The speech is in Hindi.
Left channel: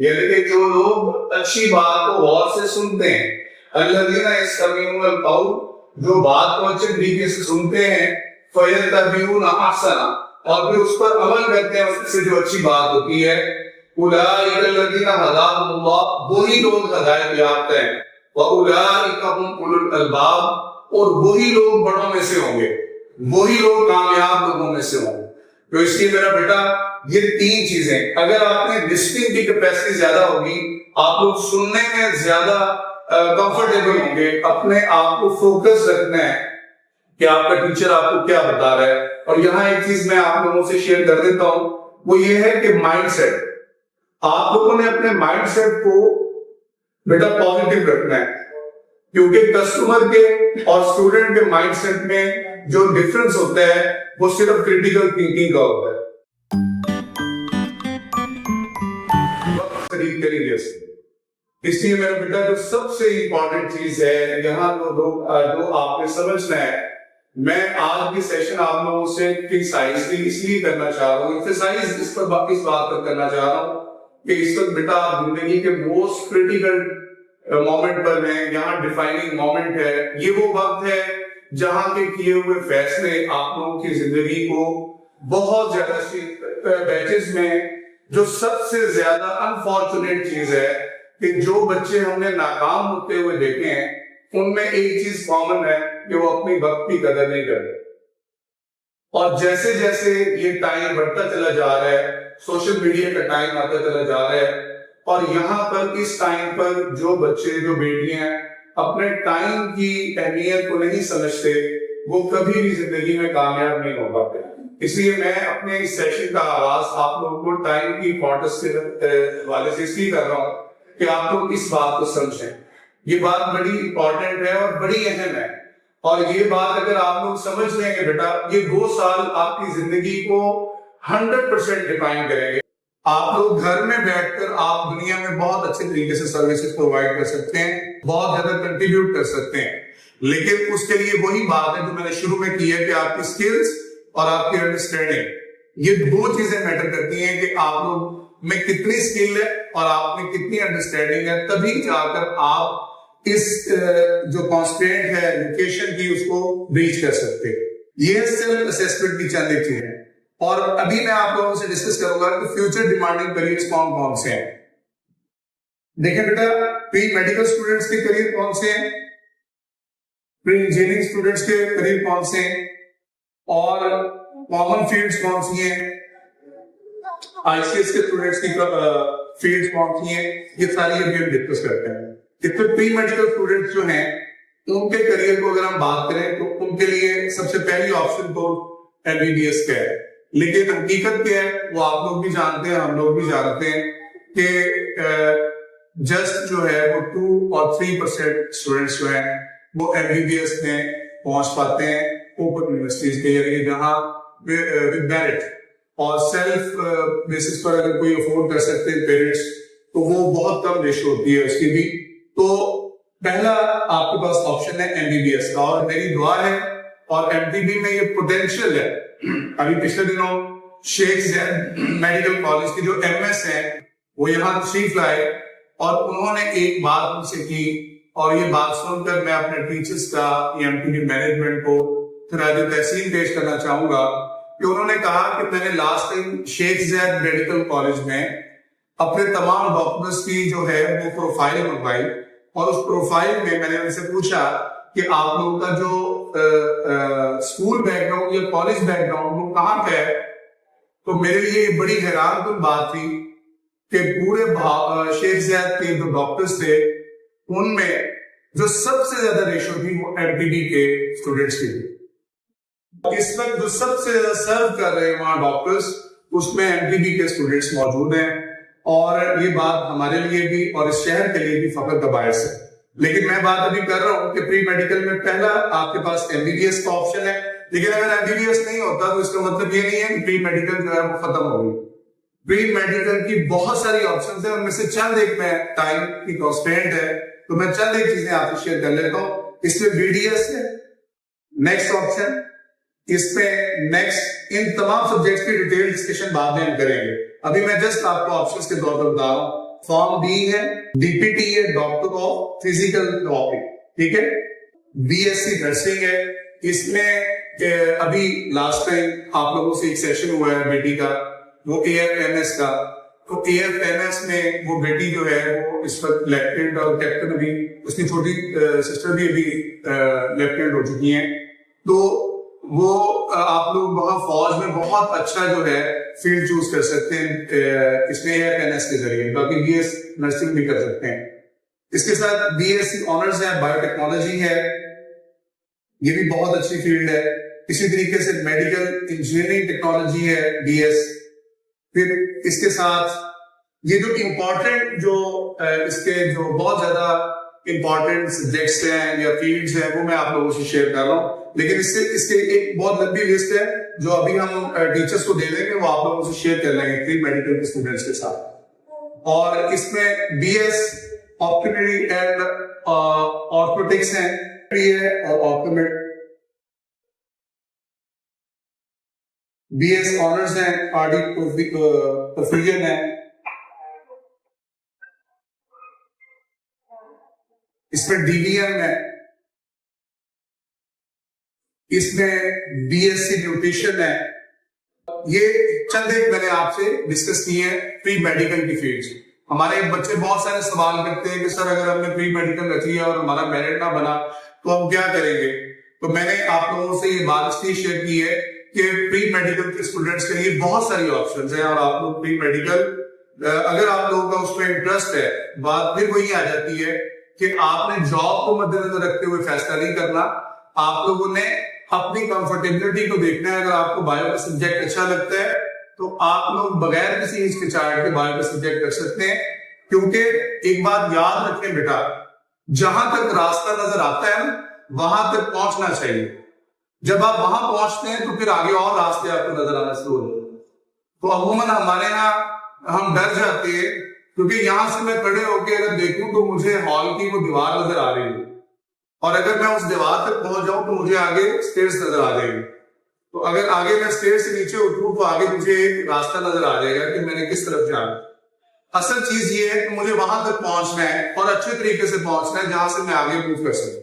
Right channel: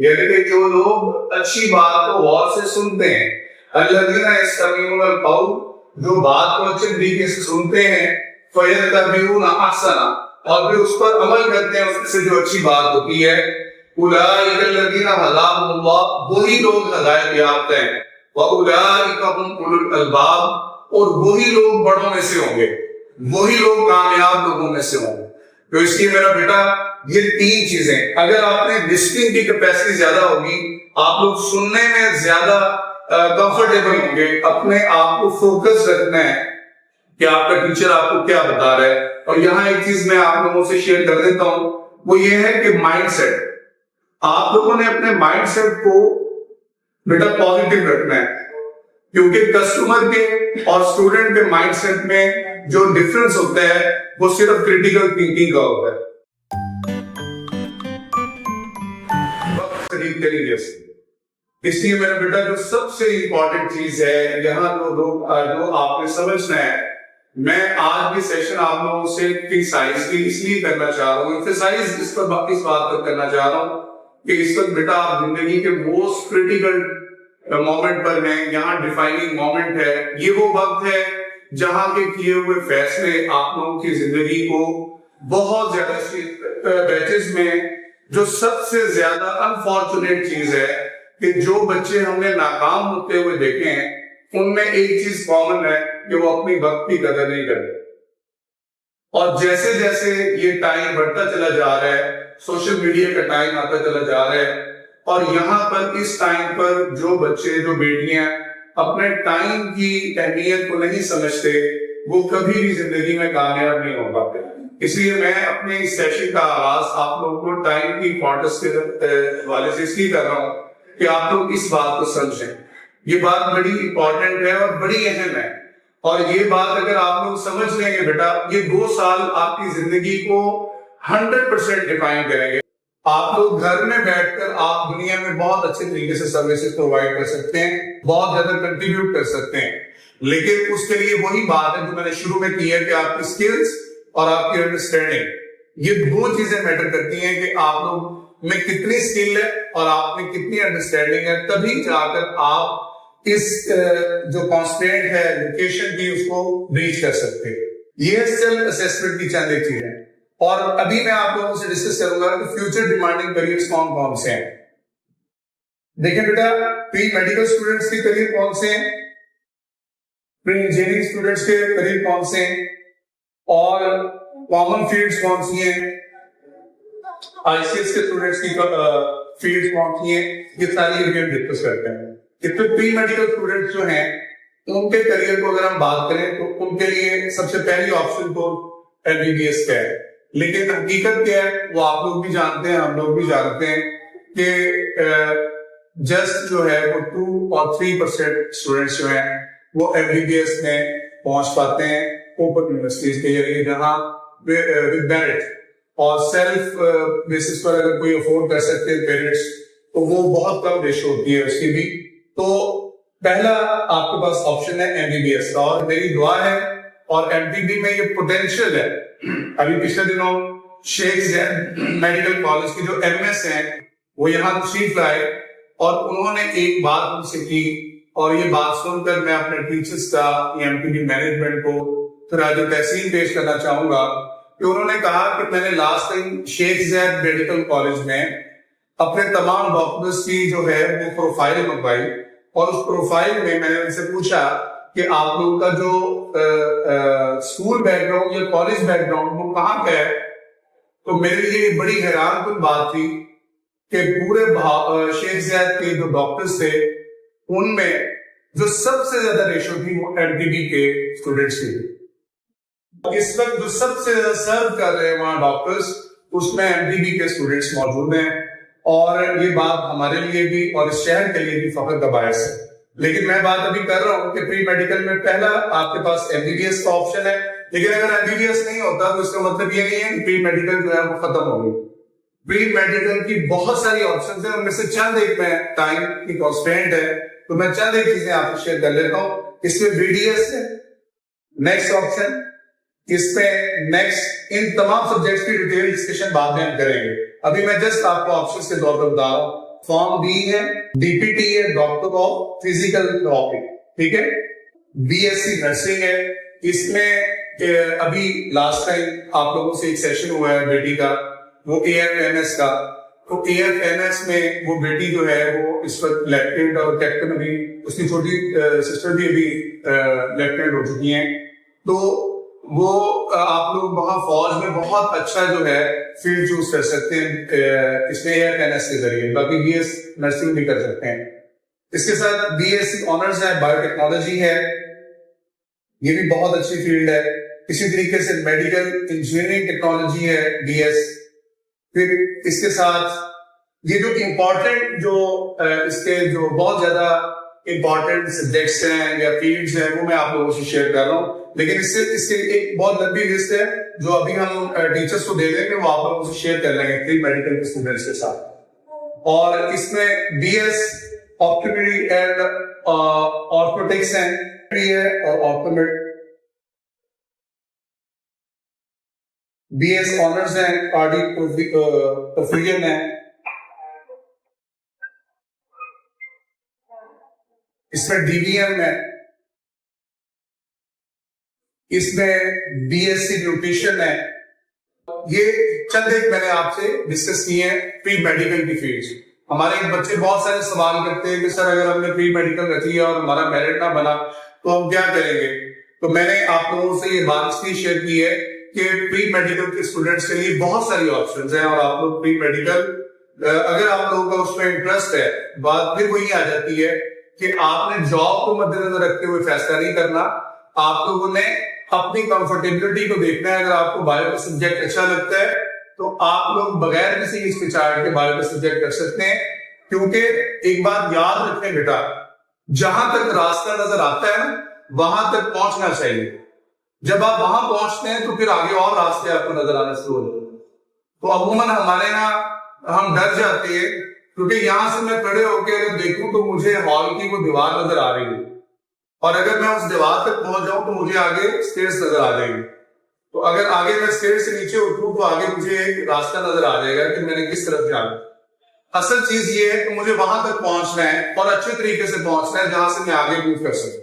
यानी कि जो लोग अच्छी बात को गौर से सुनते हैं, अल्लज़ीना यस्तमीऊनल कौल, जो बात को अच्छे तरीके से सुनते हैं, फयत्तबिऊना अहसना, और फिर उस पर अमल करते हैं, उससे जो अच्छी बात होती है, उलाइकल्लज़ीना हदाहुमुल्लाह, वही लोग हिदायत याफ्ता हैं, व उलाइका हुम उलुल अलबाब, और वही लोग बड़ों में से होंगे, वही लोग कामयाब लोगों में से होंगे। तो इसलिए मेरा बेटा, ये तीन चीजें, अगर आपने लिस्टिंग की कैपेसिटी ज्यादा होगी, आप लोग सुनने में ज्यादा कंफर्टेबल होंगे, अपने आप को फोकस रखना है कि आपका टीचर आपको क्या बता रहा है। और यहाँ एक चीज मैं आप लोगों से शेयर कर देता हूं, वो ये है कि माइंडसेट, आप लोगों ने अपने माइंडसेट को बेटा पॉजिटिव रखना है, क्योंकि कस्टमर के और स्टूडेंट के माइंडसेट में जो डिफरेंस होता है वो सिर्फ क्रिटिकल थिंकिंग का होता है। वक्त खरीद करेंगे इसलिए मेरा बेटा, जो सबसे इंपॉर्टेंट चीज है यहाँ जो आपने समझना है, मैं आज भी सेशन आप लोगों से प्रिसाइजली इसलिए करना चाह रहा हूँ, एक्सरसाइज इस बात पर करना चाह रहा हूँ कि इस वक्त बेटा आप जिंदगी के मोस्ट क्रिटिकल मोमेंट पर हैं, यहाँ डिफाइनिंग मोमेंट है, ये वो वक्त है जहां के किए हुए फैसले आप लोगों की जिंदगी को बहुत ज्यादा बैचेस में, जो सबसे ज्यादा अनफॉर्चुनेट चीज है कि जो बच्चे हमने नाकाम होते हुए देखे हैं, उनमें एक चीज कॉमन है कि वो अपनी वक्त की कदर नहीं करते। और जैसे जैसे ये टाइम बढ़ता चला जा रहा है, सोशल मीडिया का टाइम आता चला जा रहा है, और यहाँ पर इस टाइम पर जो बच्चे, जो बेटियां अपने टाइम की अहमियत को नहीं समझते, वो कभी भी जिंदगी में कामयाब नहीं हो पाते। इसलिए मैं अपने इस सेशन का आगाज आप लोगों को टाइम की इम्पोर्टेंस के वाले से इसलिए कर रहा हूँ कि आप लोग इस बात को समझें। ये बात बड़ी इंपॉर्टेंट है और बड़ी अहम है, और ये बात अगर आप लोग समझ लेंगे बेटा, ये 2 साल आपकी जिंदगी को 100% डिफाइन करेंगे। आप लोग घर में बैठकर आप दुनिया में बहुत अच्छे तरीके से सर्विसेज प्रोवाइड कर सकते हैं, बहुत ज्यादा कंट्रीब्यूट कर सकते हैं, लेकिन उसके लिए वही बात है जो मैंने शुरू में की है कि आपकी स्किल्स और आपकी अंडरस्टैंडिंग, ये 2 चीजें मैटर करती हैं कि आप लोग में कितनी स्किल है और आप में कितनी अंडरस्टैंडिंग है, तभी जाकर आप इस जो कॉन्स्टेंट है एजुकेशन की, उसको रीच कर सकते हैं। ये सेल्फ असेसमेंट की चंद एक चीज है। और अभी मैं आप लोगों से डिस्कस करूंगा कि फ्यूचर डिमांडिंग करियर्स कौन कौन से हैं। देखिए बेटा, प्री मेडिकल स्टूडेंट्स के करियर कौन से हैं, प्री इंजीनियरिंग स्टूडेंट्स के करियर कौन से हैं, और कॉमन फील्ड्स कौन सी हैं, आईसीएस के स्टूडेंट्स की फील्ड्स कौन सी हैं, ये सारी हम डिस्कस करते हैं। इसमें प्री मेडिकल स्टूडेंट्स जो हैं, उनके करियर को अगर हम बात करें तो उनके लिए सबसे पहली ऑप्शन तो एमबीबीएस का है, लेकिन हकीकत क्या है वो आप लोग भी जानते हैं, हम लोग भी जानते हैं कि जस्ट जो है वो 2 और 3% स्टूडेंट्स जो हैं वो एमबीबीएस में पहुंच पाते हैं ओपन यूनिवर्सिटीज के जरिए, जहां विद मेरिट और सेल्फ बेसिस पर अगर कोई अफोर्ड कर सकते हैं पेरेंट्स, तो वो बहुत कम रेशो होती है उसकी भी। तो पहला आपके पास ऑप्शन है एमबीबीएस का, और मेरी दुआ है और एमपीबी में ये पोटेंशियल है। अभी पिछले दिनों शेख ज़ैद मेडिकल कॉलेज के जो एमएस हैं वो यहाँ तशरीफ लाए, और उन्होंने एक बात मुझसे की, और ये बात सुनकर मैं अपने टीचर्स का, एमपीबी मैनेजमेंट को खराज तहसीन पेश करना चाहूंगा कि उन्होंने कहा कि मैंने लास्ट टाइम शेख ज़ैद मेडिकल कॉलेज में अपने तमाम डॉक्टर्स की जो है वो प्रोफाइल मंगवाई, और उस प्रोफाइल में मैंने उनसे पूछा कि आप लोगों का जो स्कूल बैकग्राउंड या कॉलेज बैकग्राउंड वो कहाँ का है। तो मेरे लिए बड़ी हैरानकुन बात थी कि पूरे शेख ज़ैद के जो डॉक्टर्स थे, उनमें जो सबसे ज्यादा रेशो थी वो एमपीबी के स्टूडेंट्स की। इस वक्त जो सबसे ज्यादा सर्व कर रहे हैं वहां डॉक्टर्स, उसमें एमपीबी के स्टूडेंट्स मौजूद हैं, और ये बात हमारे लिए भी और इस शहर के लिए भी फख्र का बायस है। लेकिन मैं बात अभी कर रहा हूँ कि प्री मेडिकल में पहला आपके पास एमबीबीएस का ऑप्शन है, लेकिन अगर एमबीबीएस नहीं होता तो इसका मतलब ये नहीं है कि प्री मेडिकल जो है वो खत्म हो गई। प्री मेडिकल की बहुत सारी ऑप्शन है, उनमें से चंद एक में टाइम की कॉन्स्टेंट है, तो मैं चंद एक चीजें आपसे शेयर कर लेता हूँ। इसमें बीडीएस है नेक्स्ट ऑप्शन, इसमें नेक्स्ट इन तमाम सब्जेक्ट्स की डिटेल डिस्कशन बाद में हम करेंगे। अभी मैं जस्ट आपको ऑप्शंस के तौर पर बता रहा हूँ। फॉर्म बी है, डीपीटी है, डॉक्टर ऑफ फिजिकल थेरेपी, ठीक है। बीएससी नर्सिंग है, इसमें अभी लास्ट टाइम आप लोगों से एक सेशन हुआ है बेटी का, वो एएफएमएस का। तो एएफएमएस में वो बेटी जो है वो इस वक्त लेफ्टिनेंट और कैप्टन, अभी उसकी छोटी सिस्टर भी अभी लेफ्टिनेंट हो चुकी हैं। तो वो आप लोग वहां फौज में बहुत अच्छा जो है फील्ड चूज कर सकते हैं इसमें एएफएमएस के जरिए, बाकी बीएस नर्सिंग भी कर सकते हैं। इसके साथ बीएससी ऑनर्स है, बायोटेक्नोलॉजी है, ये भी बहुत अच्छी फील्ड है। इसी तरीके से मेडिकल इंजीनियरिंग टेक्नोलॉजी है बीएस। फिर इसके साथ ये जो इम्पोर्टेंट जो इसके जो बहुत ज्यादा इम्पोर्टेंट सब्जेक्ट्स हैं या फील्ड्स हैं वो मैं आप लोगों से शेयर कर रहा हूँ, लेकिन इसके एक बहुत लंबी लिस्ट है जो अभी हम टीचर्स को दे देंगे, वो आप लोगों से शेयर कर लेंगे फिर मेडिकल के स्टूडेंट्स के साथ। और इसमें बीएस ऑप्टोमेट्री एंड ऑर्थोटिक्स है और ऑप्टोमेट, बीएस ऑनर्स है, कार्डिक परफ्यूजन है, इसमें डीवीएम है, इसमें बीएससी न्यूट्रिशन है। ये चंद एक मैंने आपसे डिस्कस किए हैं प्री मेडिकल की फील्ड्स। हमारे बच्चे बहुत सारे सवाल करते हैं कि सर अगर हमने प्री मेडिकल रखी है और हमारा मेरिट ना बना तो हम क्या करेंगे। तो मैंने आप लोगों से ये बात इसलिए शेयर की है कि प्री मेडिकल के स्टूडेंट्स के लिए बहुत सारी ऑप्शंस हैं और आप लोग प्री मेडिकल अगर आप लोगों का उसमें इंटरेस्ट है, बात फिर वही आ जाती है कि आपने जॉब को मद्देनजर रखते हुए फैसला नहीं करना, आप लोगों ने अपनी कंफर्टेबिलिटी को देखना है। अगर आपको बायो का सब्जेक्ट अच्छा लगता है तो आप लोग बगैर किसी हिचकिचाहट के बायो का सब्जेक्ट कर सकते हैं, क्योंकि एक बात याद रखें बेटा, जहां तक रास्ता नजर आता है वहां तक पहुंचना चाहिए। जब आप वहां पहुंचते हैं तो फिर आगे और रास्ते आपको नजर आना शुरू हो जाते हैं। तो अमूमन हमारे यहाँ हम डर जाते हैं, क्योंकि यहां से मैं खड़े होकर अगर देखूं तो मुझे हॉल की वो दीवार नजर आ रही है, और अगर मैं उस दीवार तक पहुंच जाऊं तो मुझे आगे स्टेयर्स नजर आ जाएगी। तो अगर आगे मैं स्टेयर्स से नीचे उतरूं तो आगे मुझे एक रास्ता नजर आ जाएगा कि मैंने किस तरफ जाना। असल चीज ये है कि मुझे वहां तक पहुंचना है और अच्छे तरीके से पहुंचना है जहां से मैं आगे मूव कर सकूं।